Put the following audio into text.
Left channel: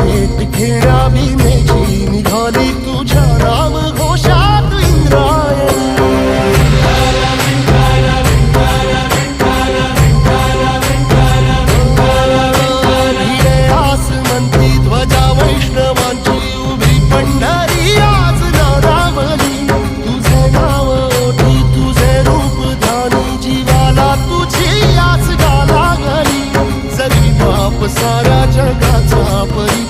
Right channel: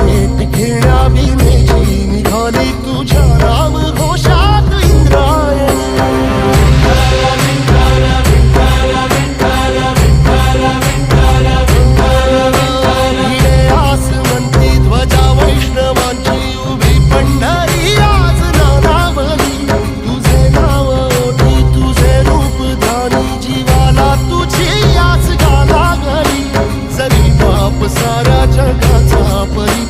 भेट घेण्या बिनेची निघाली तुझ्या नाम घोषात इंद्रायणी. भिडे आसमंती ध्वजा वैष्णवांची उभी पंढरी आज नादावली. तुझे नाव ओठी तुझे रूप ध्यानी जीवाला तुझी आस गा लागली. जरी बाप साऱ्या जगाचा परी